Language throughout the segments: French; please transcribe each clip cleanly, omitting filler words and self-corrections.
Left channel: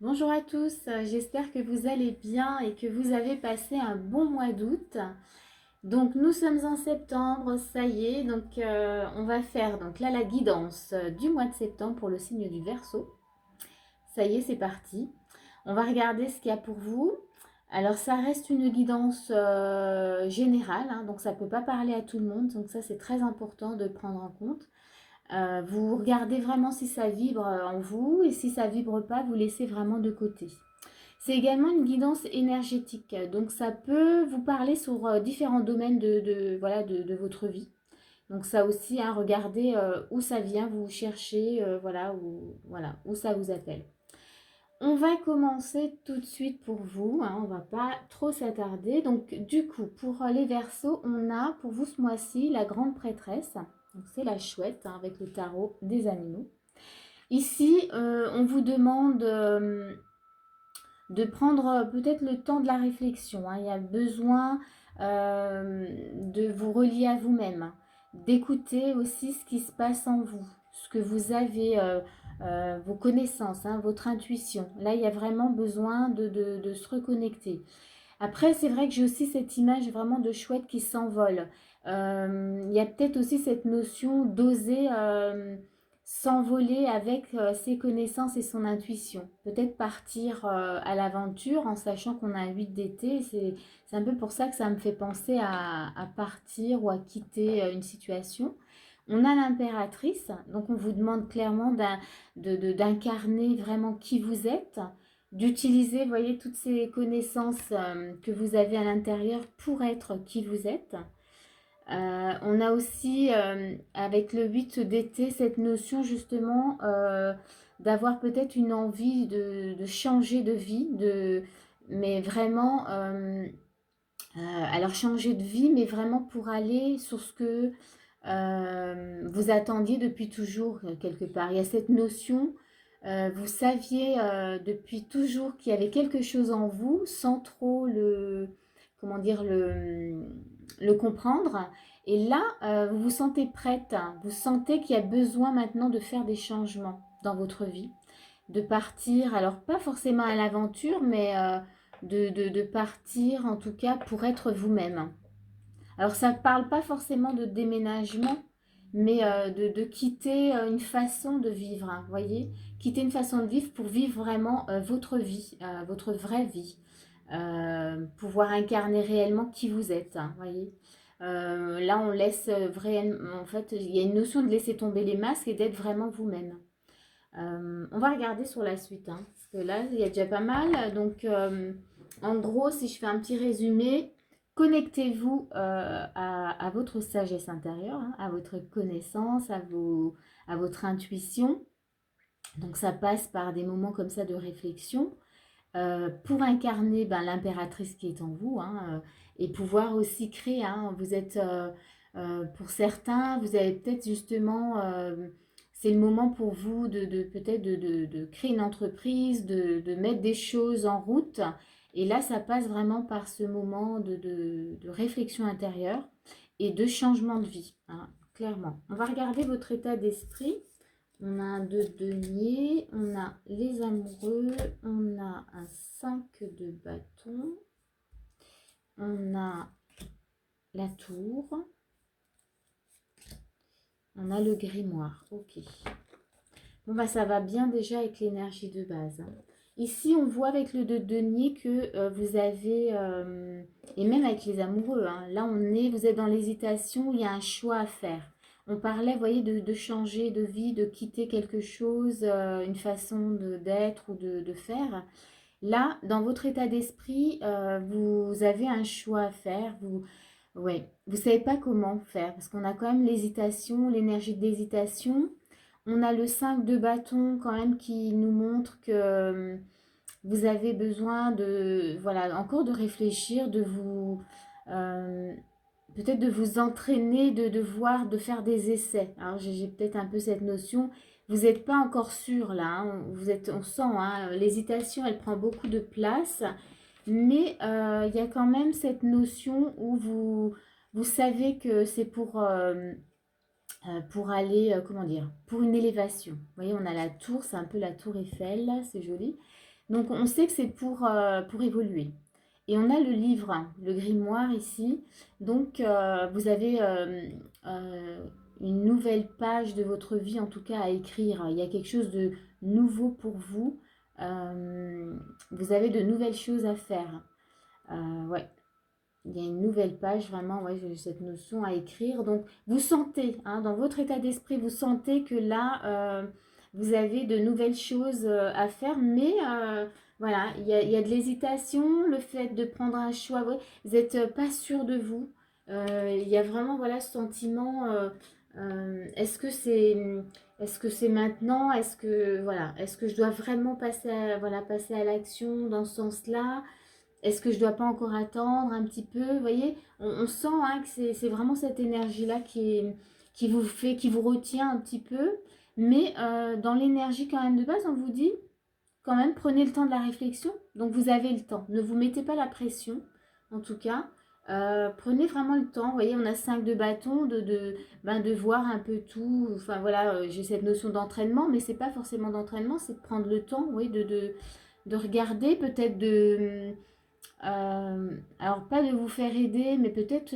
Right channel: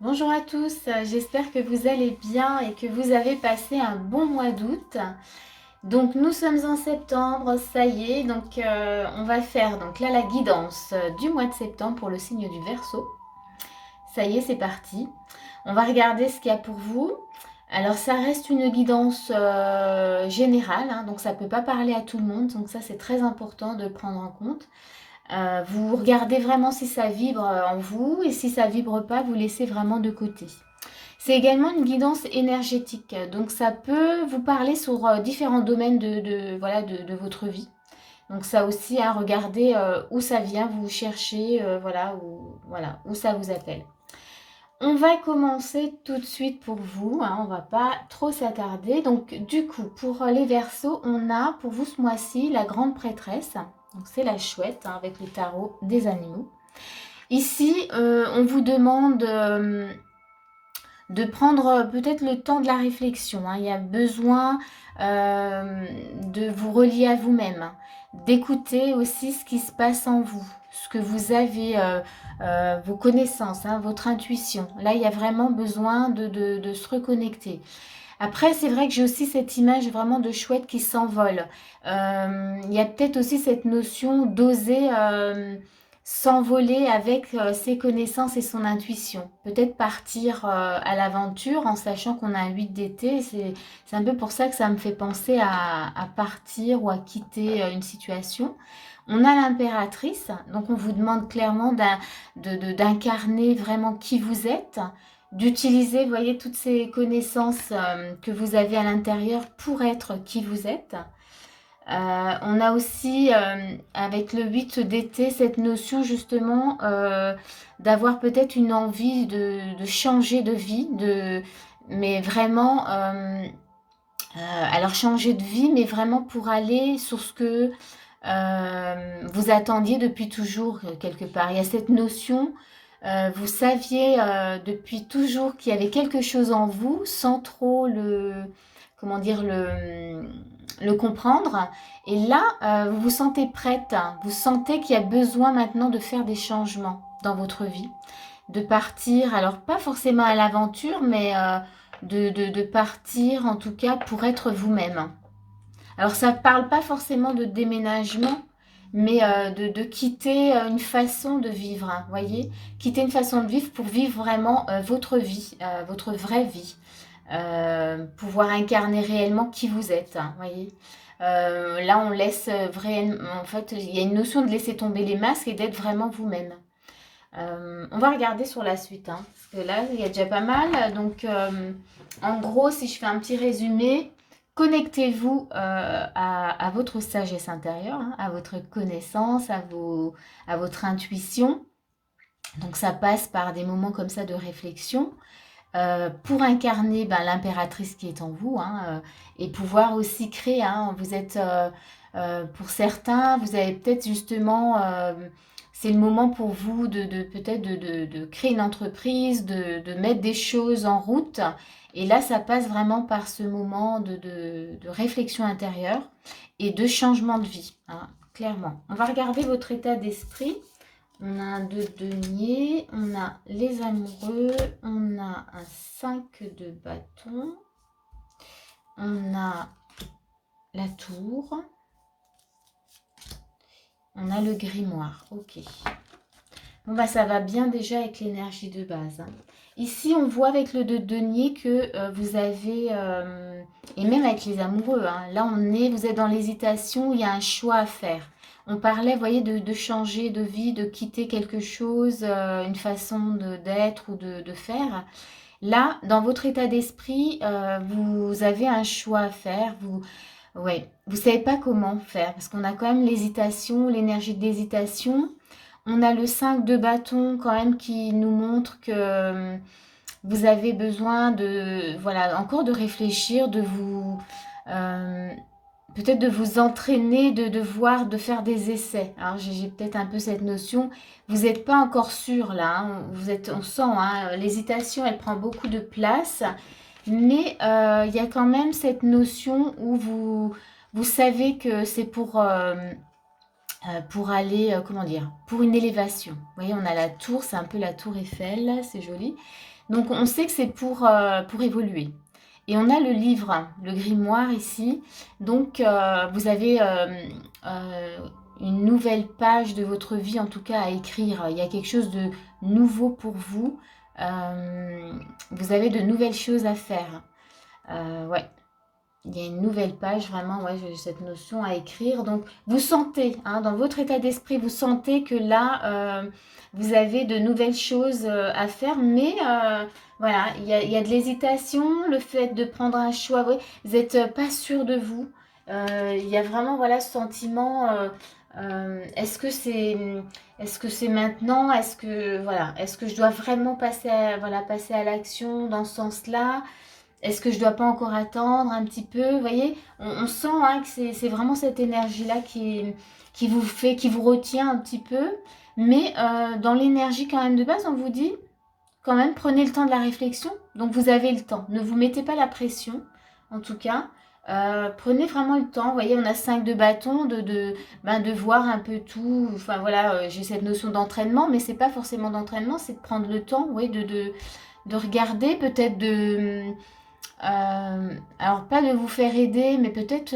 Bonjour à tous, j'espère que vous allez bien et que vous avez passé un bon mois d'août. Donc nous sommes en septembre, ça y est, donc on va faire donc là la guidance du mois de septembre pour le signe du Verseau. Ça y est, c'est parti. On va regarder ce qu'il y a pour vous. Alors ça reste une guidance générale, hein, donc ça ne peut pas parler à tout le monde, donc ça c'est très important de le prendre en compte. Vous regardez vraiment si ça vibre en vous et si ça vibre pas, vous laissez vraiment de côté. C'est également une guidance énergétique, donc ça peut vous parler sur différents domaines voilà, de votre vie. Donc ça aussi, à regarder où ça vient, vous cherchez, voilà, où ça vous appelle. On va commencer tout de suite pour vous, hein, on va pas trop s'attarder. Donc du coup, pour les Verseaux, on a pour vous ce mois-ci la grande prêtresse. Donc c'est la chouette, hein, avec le tarot des animaux. Ici, on vous demande de prendre peut-être le temps de la réflexion, hein. Il y a besoin de vous relier à vous-même, d'écouter aussi ce qui se passe en vous, ce que vous avez, vos connaissances, hein, votre intuition. Là, il y a vraiment besoin de se reconnecter. Après, c'est vrai que j'ai aussi cette image vraiment de chouette qui s'envole. Il y a peut-être aussi cette notion d'oser s'envoler avec ses connaissances et son intuition. Peut-être partir à l'aventure en sachant qu'on a un 8 d'été. C'est un peu pour ça que ça me fait penser à partir ou à quitter une situation. On a l'impératrice, donc on vous demande clairement d'incarner vraiment qui vous êtes, d'utiliser, vous voyez, toutes ces connaissances que vous avez à l'intérieur pour être qui vous êtes. On a aussi, avec le 8 d'été, cette notion justement d'avoir peut-être une envie de changer de vie, mais vraiment, alors changer de vie, mais vraiment pour aller sur ce que vous attendiez depuis toujours quelque part. Il y a cette notion, vous saviez depuis toujours qu'il y avait quelque chose en vous sans trop comment dire, le comprendre. Et là, vous vous sentez prête, vous sentez qu'il y a besoin maintenant de faire des changements dans votre vie, de partir, alors pas forcément à l'aventure, mais de partir en tout cas pour être vous-même. Alors ça ne parle pas forcément de déménagement, mais de quitter une façon de vivre, hein, voyez, quitter une façon de vivre pour vivre vraiment votre vie, votre vraie vie, pouvoir incarner réellement qui vous êtes, hein, voyez. Là, on laisse vraiment, en fait, il y a une notion de laisser tomber les masques et d'être vraiment vous-même. On va regarder sur la suite, hein, parce que là, il y a déjà pas mal. Donc, en gros, si je fais un petit résumé, connectez-vous à votre sagesse intérieure, hein, à votre connaissance, à votre intuition. Donc, ça passe par des moments comme ça de réflexion pour incarner ben, l'impératrice qui est en vous, hein, et pouvoir aussi créer. Hein, vous êtes, pour certains, vous avez peut-être justement, c'est le moment pour vous de peut-être de créer une entreprise, de mettre des choses en route. Et là, ça passe vraiment par ce moment de réflexion intérieure et de changement de vie, hein, clairement. On va regarder votre état d'esprit. On a un 2 de denier, on a les amoureux, on a un 5 de bâton, on a la tour, on a le grimoire. Ok. Bon bah ça va bien déjà avec l'énergie de base, hein. Ici on voit avec le 2 de denier que vous avez, et même avec les amoureux, hein, là vous êtes dans l'hésitation, il y a un choix à faire. On parlait, vous voyez, de changer de vie, de quitter quelque chose, une façon d'être ou de faire. Là, dans votre état d'esprit, vous avez un choix à faire. Ouais, vous ne savez pas comment faire parce qu'on a quand même l'hésitation, l'énergie d'hésitation. On a le 5 de bâton quand même qui nous montre que vous avez besoin de, voilà, encore de réfléchir, de vous, euh, peut-être de vous entraîner, de voir, de faire des essais. Alors j'ai peut-être un peu cette notion. Vous n'êtes pas encore sûr là, hein. Vous êtes, on sent, hein, l'hésitation, elle prend beaucoup de place. Mais il y a quand même cette notion où vous savez que c'est pour aller, comment dire, pour une élévation. Vous voyez, on a la tour, c'est un peu la tour Eiffel, c'est joli. Donc on sait que c'est pour évoluer. Et on a le livre, le grimoire ici. Donc vous avez une nouvelle page de votre vie en tout cas à écrire. Il y a quelque chose de nouveau pour vous. Vous avez de nouvelles choses à faire. Ouais. Il y a une nouvelle page, vraiment, ouais, j'ai cette notion à écrire. Donc, vous sentez, hein, dans votre état d'esprit, vous sentez que là, vous avez de nouvelles choses à faire. Mais voilà, il y a de l'hésitation, le fait de prendre un choix. Ouais, vous n'êtes pas sûr de vous. Il y a vraiment, voilà, ce sentiment. Est-ce que c'est maintenant? Est-ce que je dois vraiment passer à l'action dans ce sens-là? Est-ce que je ne dois pas encore attendre un petit peu? Vous voyez, on sent hein, que c'est vraiment cette énergie-là qui vous fait, qui vous retient un petit peu. Mais dans l'énergie quand même de base, on vous dit, quand même, prenez le temps de la réflexion. Donc vous avez le temps. Ne vous mettez pas la pression, en tout cas. Prenez vraiment le temps. Vous voyez, on a 5 de bâton, de voir un peu tout. Enfin voilà, j'ai cette notion d'entraînement, mais c'est pas forcément d'entraînement, c'est de prendre le temps, oui, de regarder, peut-être alors pas de vous faire aider, mais peut-être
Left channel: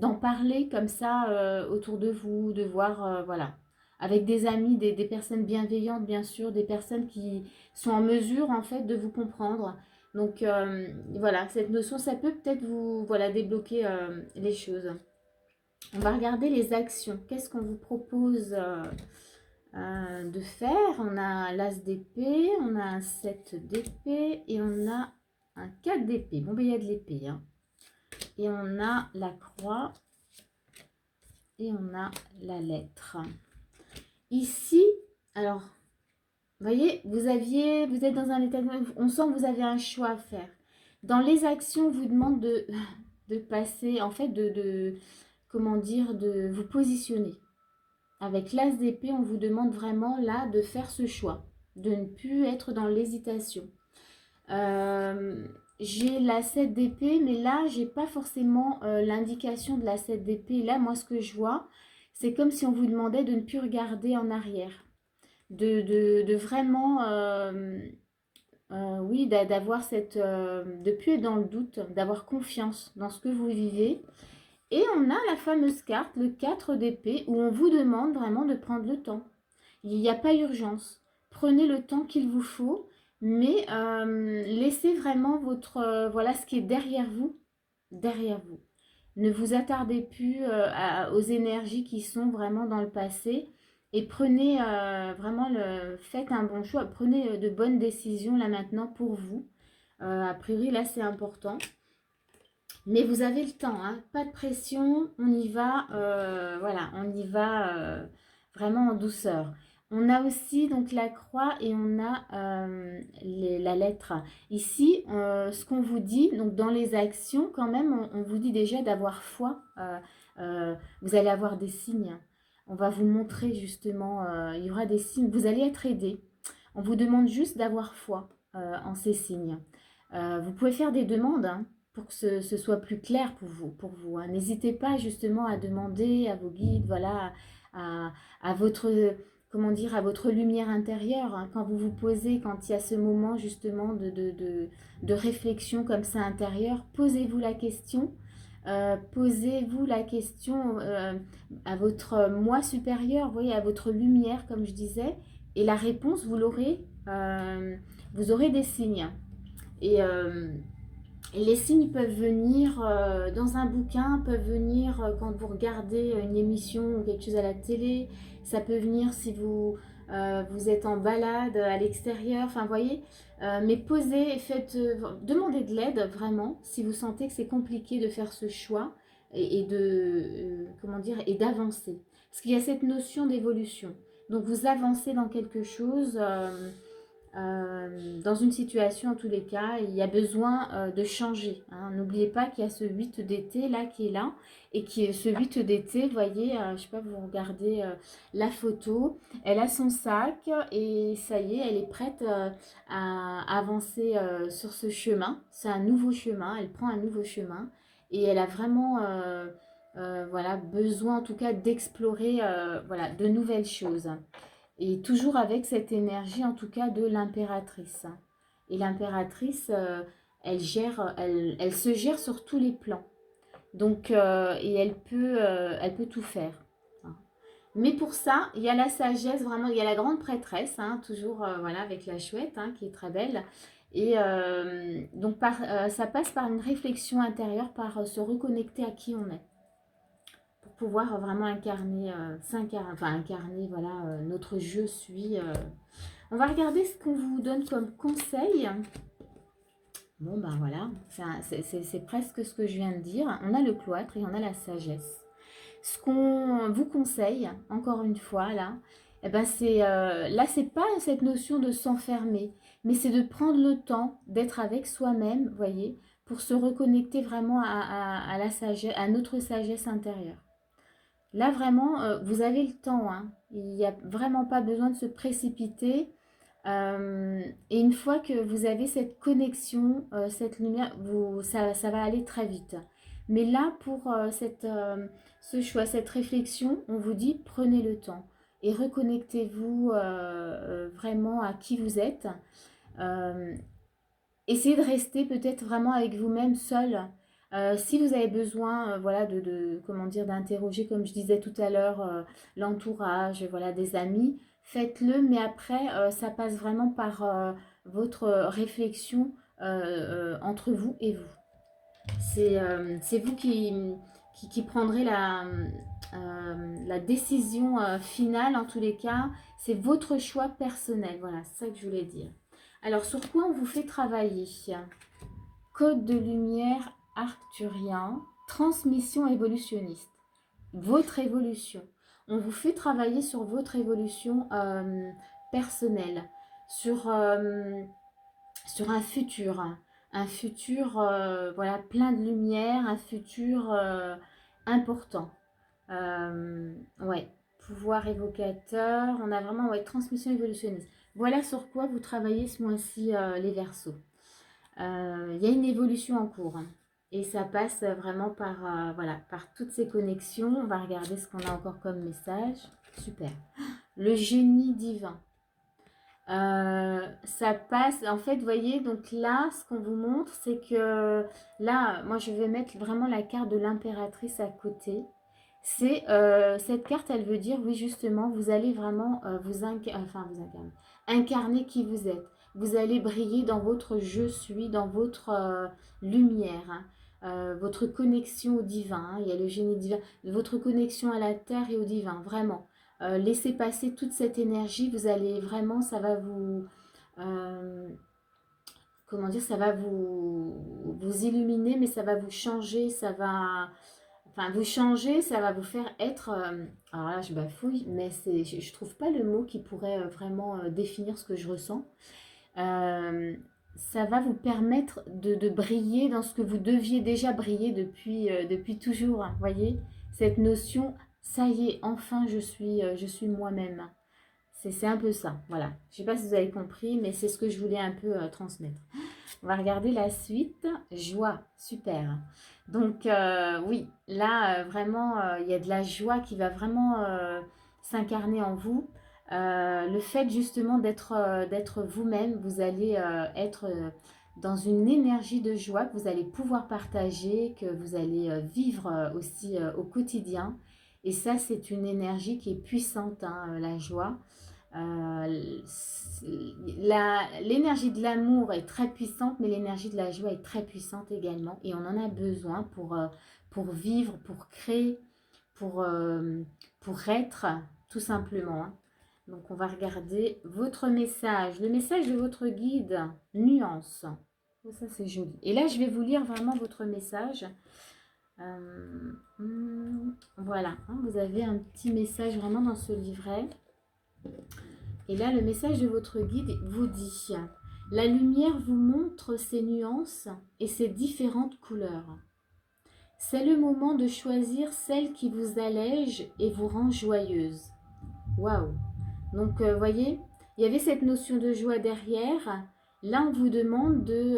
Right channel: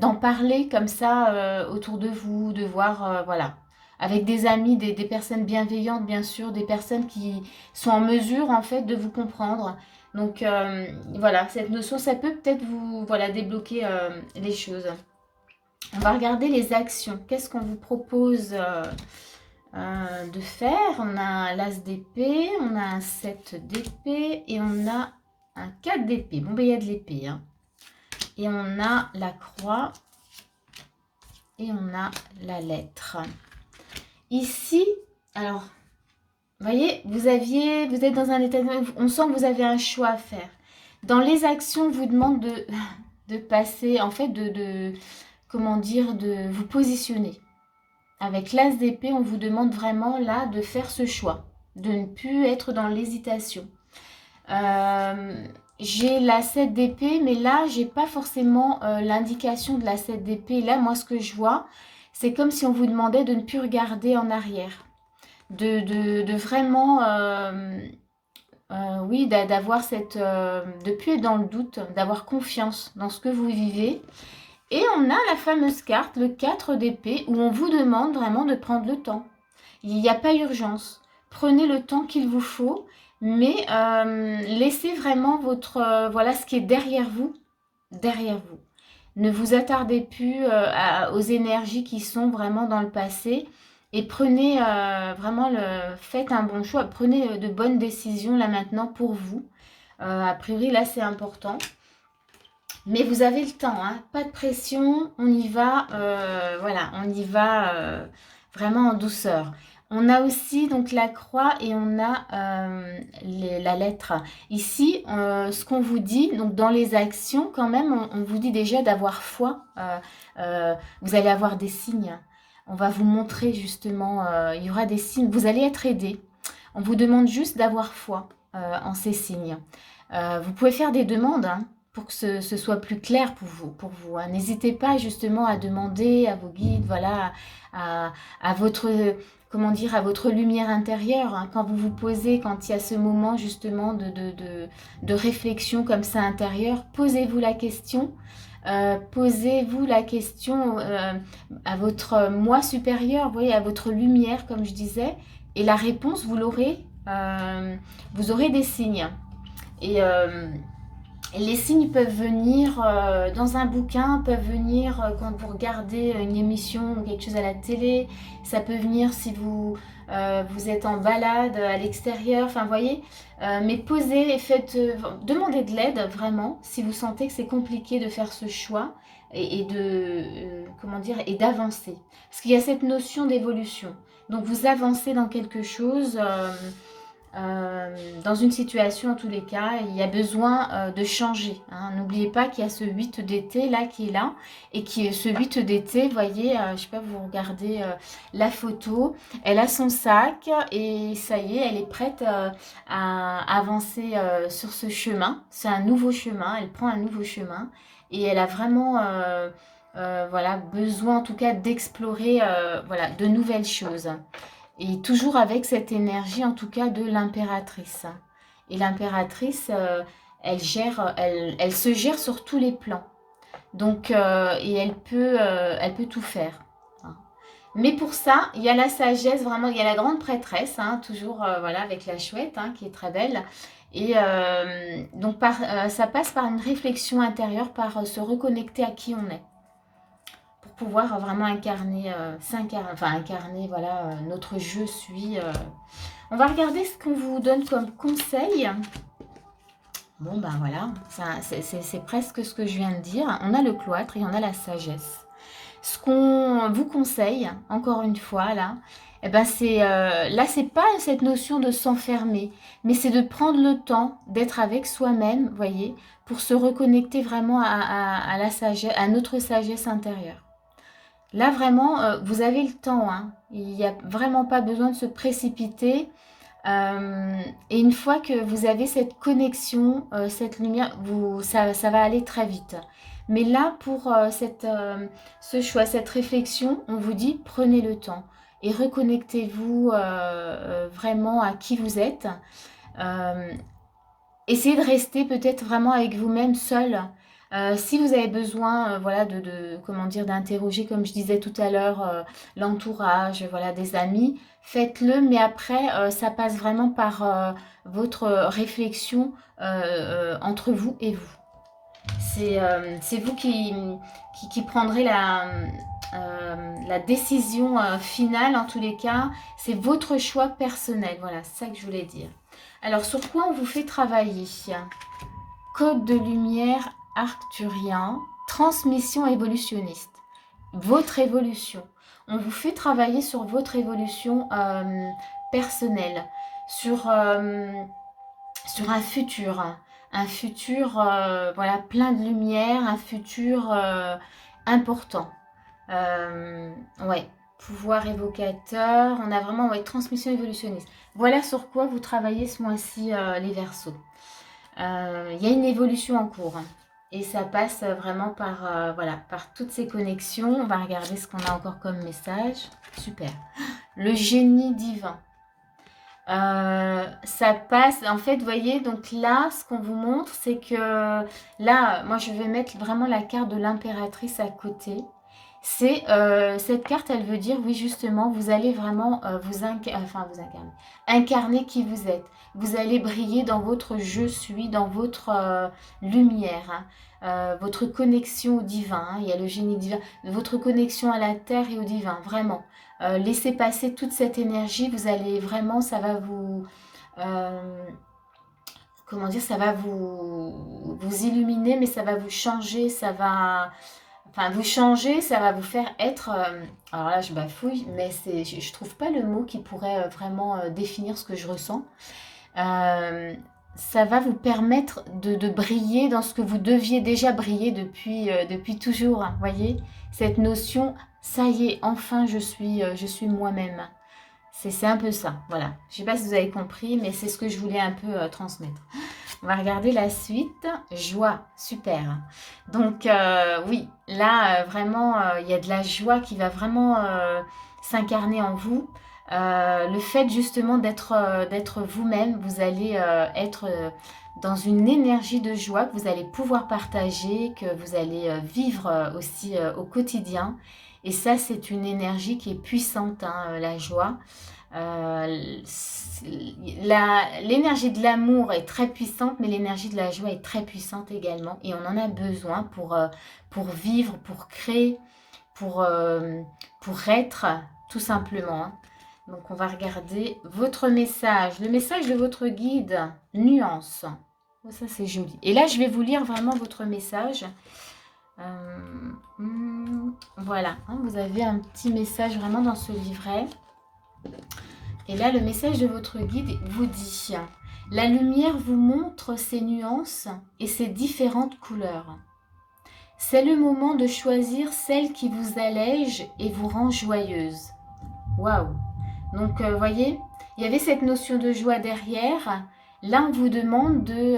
d'en parler comme ça autour de vous, de voir, voilà, avec des amis, des personnes bienveillantes, bien sûr, des personnes qui sont en mesure, en fait, de vous comprendre. Donc, voilà, cette notion, ça peut peut-être vous, voilà, débloquer les choses. On va regarder les actions. Qu'est-ce qu'on vous propose de faire? On a l'as d'épée, on a un 7 d'épée et on a un 4 d'épée. Bon, ben, il y a de l'épée. Hein. Et on a la croix. Et on a la lettre. Ici, alors, vous voyez, vous êtes dans un état, on sent que vous avez un choix à faire. Dans les actions, on vous demande de passer, en fait, comment dire, de vous positionner. Avec l'as d'épée, on vous demande vraiment là de faire ce choix, de ne plus être dans l'hésitation. J'ai la 7 d'épée, mais là, j'ai pas forcément l'indication de la 7 d'épée. Là, moi, ce que je vois, c'est comme si on vous demandait de ne plus regarder en arrière. De vraiment, oui, d'avoir cette... de ne plus être dans le doute, d'avoir confiance dans ce que vous vivez. Et on a la fameuse carte, le 4 d'épée, où on vous demande vraiment de prendre le temps. Il n'y a pas urgence. Prenez le temps qu'il vous faut, mais laissez vraiment votre, voilà ce qui est derrière vous, derrière vous. Ne vous attardez plus aux énergies qui sont vraiment dans le passé et prenez vraiment, faites un bon choix, prenez de bonnes décisions là maintenant pour vous. A priori là c'est important. Mais vous avez le temps, hein, pas de pression, on y va, voilà, on y va vraiment en douceur. On a aussi donc la croix et on a la lettre. Ici, ce qu'on vous dit, donc dans les actions, quand même, on vous dit déjà d'avoir foi. Vous allez avoir des signes. On va vous montrer justement, il y aura des signes, vous allez être aidé. On vous demande juste d'avoir foi en ces signes. Vous pouvez faire des demandes, hein, pour que ce soit plus clair pour vous, hein. N'hésitez pas justement à demander à vos guides, voilà, à votre, comment dire, à votre lumière intérieure, hein, quand vous vous posez, quand il y a ce moment justement de réflexion comme ça intérieure, posez-vous la question. Posez-vous la question à votre moi supérieur, vous voyez, à votre lumière, comme je disais, et la réponse, vous l'aurez, vous aurez des signes. Et les signes peuvent venir dans un bouquin, peuvent venir quand vous regardez une émission ou quelque chose à la télé. Ça peut venir si vous êtes en balade à l'extérieur. Enfin, vous voyez. Mais posez et faites, demandez de l'aide vraiment si vous sentez que c'est compliqué de faire ce choix et de comment dire et d'avancer. Parce qu'il y a cette notion d'évolution. Donc vous avancez dans quelque chose. Dans une situation, en tous les cas, il y a besoin de changer. Hein. N'oubliez pas qu'il y a ce 8 d'été là qui est là. Et ce 8 d'été, vous voyez, je ne sais pas, vous regardez la photo. Elle a son sac et ça y est, elle est prête à avancer sur ce chemin. C'est un nouveau chemin, elle prend un nouveau chemin. Et elle a vraiment voilà, besoin en tout cas d'explorer voilà, de nouvelles choses. Et toujours avec cette énergie, en tout cas, de l'impératrice. Et l'impératrice, elle se gère sur tous les plans. Donc, et elle peut tout faire. Hein. Mais pour ça, il y a la sagesse, vraiment, il y a la grande prêtresse, hein, toujours voilà, avec la chouette, hein, qui est très belle. Et donc, ça passe par une réflexion intérieure, par se reconnecter à qui on est, pour pouvoir vraiment incarner, incarner voilà, notre je suis. On va regarder ce qu'on vous donne comme conseil. Bon, ben voilà, c'est presque ce que je viens de dire. On a le cloître et on a la sagesse. Ce qu'on vous conseille, encore une fois, là, eh ben là, c'est pas cette notion de s'enfermer, mais c'est de prendre le temps d'être avec soi-même, voyez, pour se reconnecter vraiment à la sagesse, à notre sagesse intérieure. Là, vraiment, vous avez le temps, hein. Il n'y a vraiment pas besoin de se précipiter. Et une fois que vous avez cette connexion, cette lumière, ça va aller très vite. Mais là, pour ce choix, cette réflexion, on vous dit prenez le temps et reconnectez-vous vraiment à qui vous êtes. Euh, Essayez de rester peut-être vraiment avec vous-même seul. Si vous avez besoin, voilà, comment dire, d'interroger, comme je disais tout à l'heure, l'entourage, voilà, des amis, faites-le. Mais après, ça passe vraiment par votre réflexion entre vous et vous. C'est vous qui prendrez la décision finale, en tous les cas. C'est votre choix personnel. Voilà, c'est ça que je voulais dire. Alors, sur quoi on vous fait travailler? Code de lumière arcturien, transmission évolutionniste. Votre évolution. On vous fait travailler sur votre évolution personnelle, sur un futur. Un futur voilà, plein de lumière, un futur important. Ouais, pouvoir évocateur. On a vraiment transmission évolutionniste. Voilà sur quoi vous travaillez ce mois-ci, les Verseaux. Il y a une évolution en cours. Hein, et ça passe vraiment par, voilà, par toutes ces connexions. On va regarder ce qu'on a encore comme message. Super. Le génie divin. Ça passe, en fait, vous voyez, donc là, ce qu'on vous montre, c'est que là, moi, je vais mettre vraiment la carte de l'impératrice à côté. C'est cette carte, elle veut dire, oui, justement, vous allez vraiment vous incarner qui vous êtes. Vous allez briller dans votre je suis, dans votre lumière, hein. Votre connexion au divin. Hein, il y a le génie divin, votre connexion à la terre et au divin, vraiment. Laissez passer toute cette énergie, vous allez vraiment, ça va vous, comment dire, ça va vous illuminer, mais ça va vous changer, ça va, enfin vous changer, ça va vous faire être, alors là je bafouille, mais je trouve pas le mot qui pourrait vraiment définir ce que je ressens. Ça va vous permettre de briller dans ce que vous deviez déjà briller depuis toujours, hein, voyez, cette notion, ça y est, enfin je suis moi-même. C'est un peu ça, voilà. Je ne sais pas si vous avez compris, mais c'est ce que je voulais un peu transmettre. On va regarder la suite. Joie, super. Donc oui, là vraiment, il y a de la joie qui va vraiment s'incarner en vous. Le fait justement d'être vous-même, vous allez être dans une énergie de joie que vous allez pouvoir partager, que vous allez vivre aussi au quotidien. Et ça, c'est une énergie qui est puissante, hein, la joie. L'énergie de l'amour est très puissante, mais l'énergie de la joie est très puissante également. Et on en a besoin pour vivre, pour créer, pour être, tout simplement. Hein. Donc on va regarder votre message, le message de votre guide, nuance. Oh, ça c'est joli. Et là je vais vous lire vraiment votre message. Voilà, hein, vous avez un petit message vraiment dans ce livret. Et là le message de votre guide vous dit: la lumière vous montre ses nuances et ses différentes couleurs. C'est le moment de choisir celle qui vous allège et vous rend joyeuse. Waouh! Donc, voyez, il y avait cette notion de joie derrière. Là, on vous demande de...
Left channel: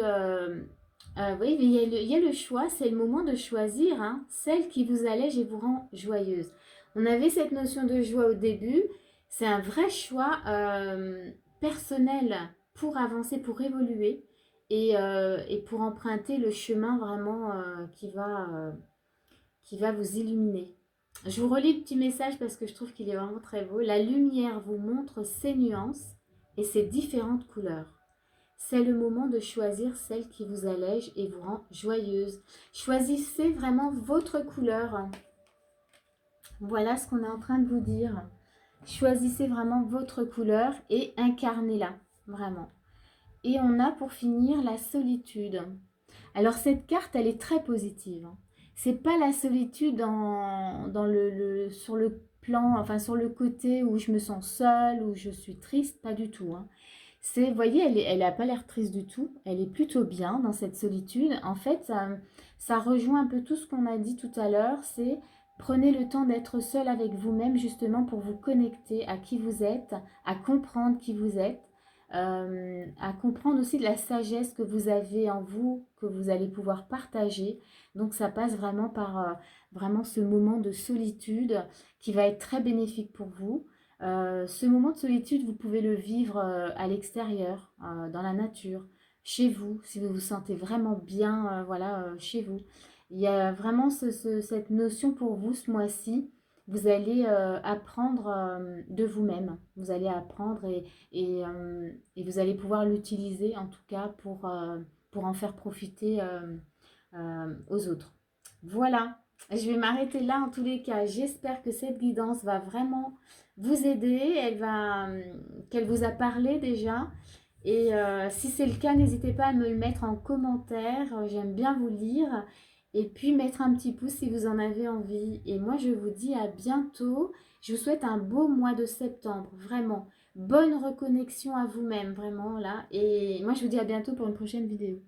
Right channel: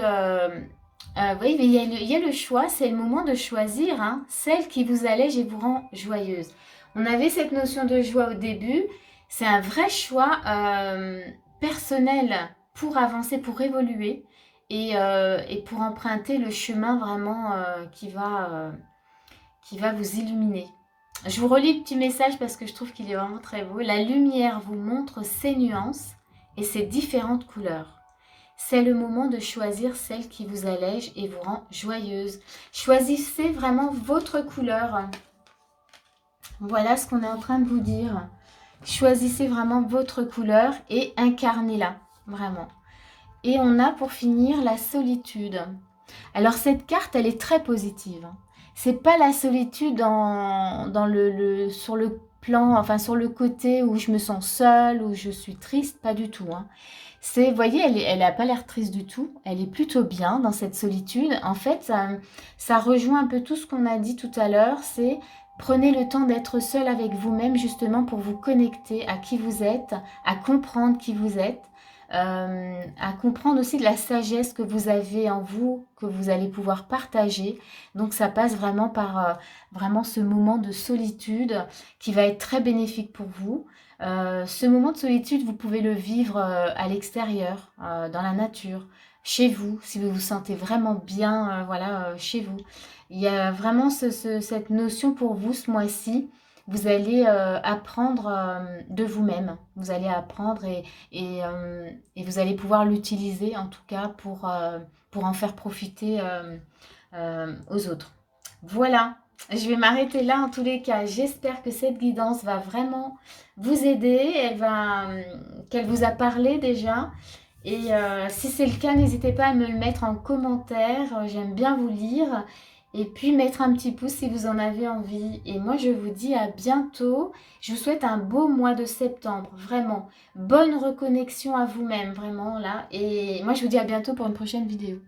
voyez, il y a le choix, c'est le moment de choisir hein, celle qui vous allège et vous rend joyeuse. On avait cette notion de joie au début. C'est un vrai choix personnel pour avancer, pour évoluer et pour emprunter le chemin vraiment qui va vous illuminer. Je vous relis le petit message parce que je trouve qu'il est vraiment très beau. La lumière vous montre ses nuances et ses différentes couleurs. C'est le moment de choisir celle qui vous allège et vous rend joyeuse. Choisissez vraiment votre couleur. Voilà ce qu'on est en train de vous dire. Choisissez vraiment votre couleur et incarnez-la, vraiment. Et on a pour finir la solitude. Alors cette carte, elle est très positive. C'est pas la solitude sur le plan, enfin sur le côté où je me sens seule, où je suis triste, pas du tout. Hein. C'est, vous voyez, elle n'a pas l'air triste du tout. Elle est plutôt bien dans cette solitude. En fait, ça rejoint un peu tout ce qu'on a dit tout à l'heure. C'est prenez le temps d'être seul avec vous-même justement pour vous connecter à qui vous êtes, à comprendre qui vous êtes. À comprendre aussi de la sagesse que vous avez en vous, que vous allez pouvoir partager. Donc ça passe vraiment par vraiment ce moment de solitude qui va être très bénéfique pour vous. Ce moment de solitude, vous pouvez le vivre à l'extérieur, dans la nature, chez vous, si vous vous sentez vraiment bien, voilà, chez vous. Il y a vraiment cette notion pour vous ce mois-ci. Vous allez apprendre de vous-même. Vous allez apprendre et vous allez pouvoir l'utiliser en tout cas pour en faire profiter aux autres. Voilà, je vais m'arrêter là en tous les cas. J'espère que cette guidance va vraiment vous aider, qu'elle vous a parlé déjà. Et si c'est le cas, n'hésitez pas à me le mettre en commentaire. J'aime bien vous lire. Et puis mettre un petit pouce si vous en avez envie. Et moi, je vous dis à bientôt. Je vous souhaite un beau mois de septembre. Vraiment. Bonne reconnexion à vous-même. Vraiment là. Et moi, je vous dis à bientôt pour une prochaine vidéo.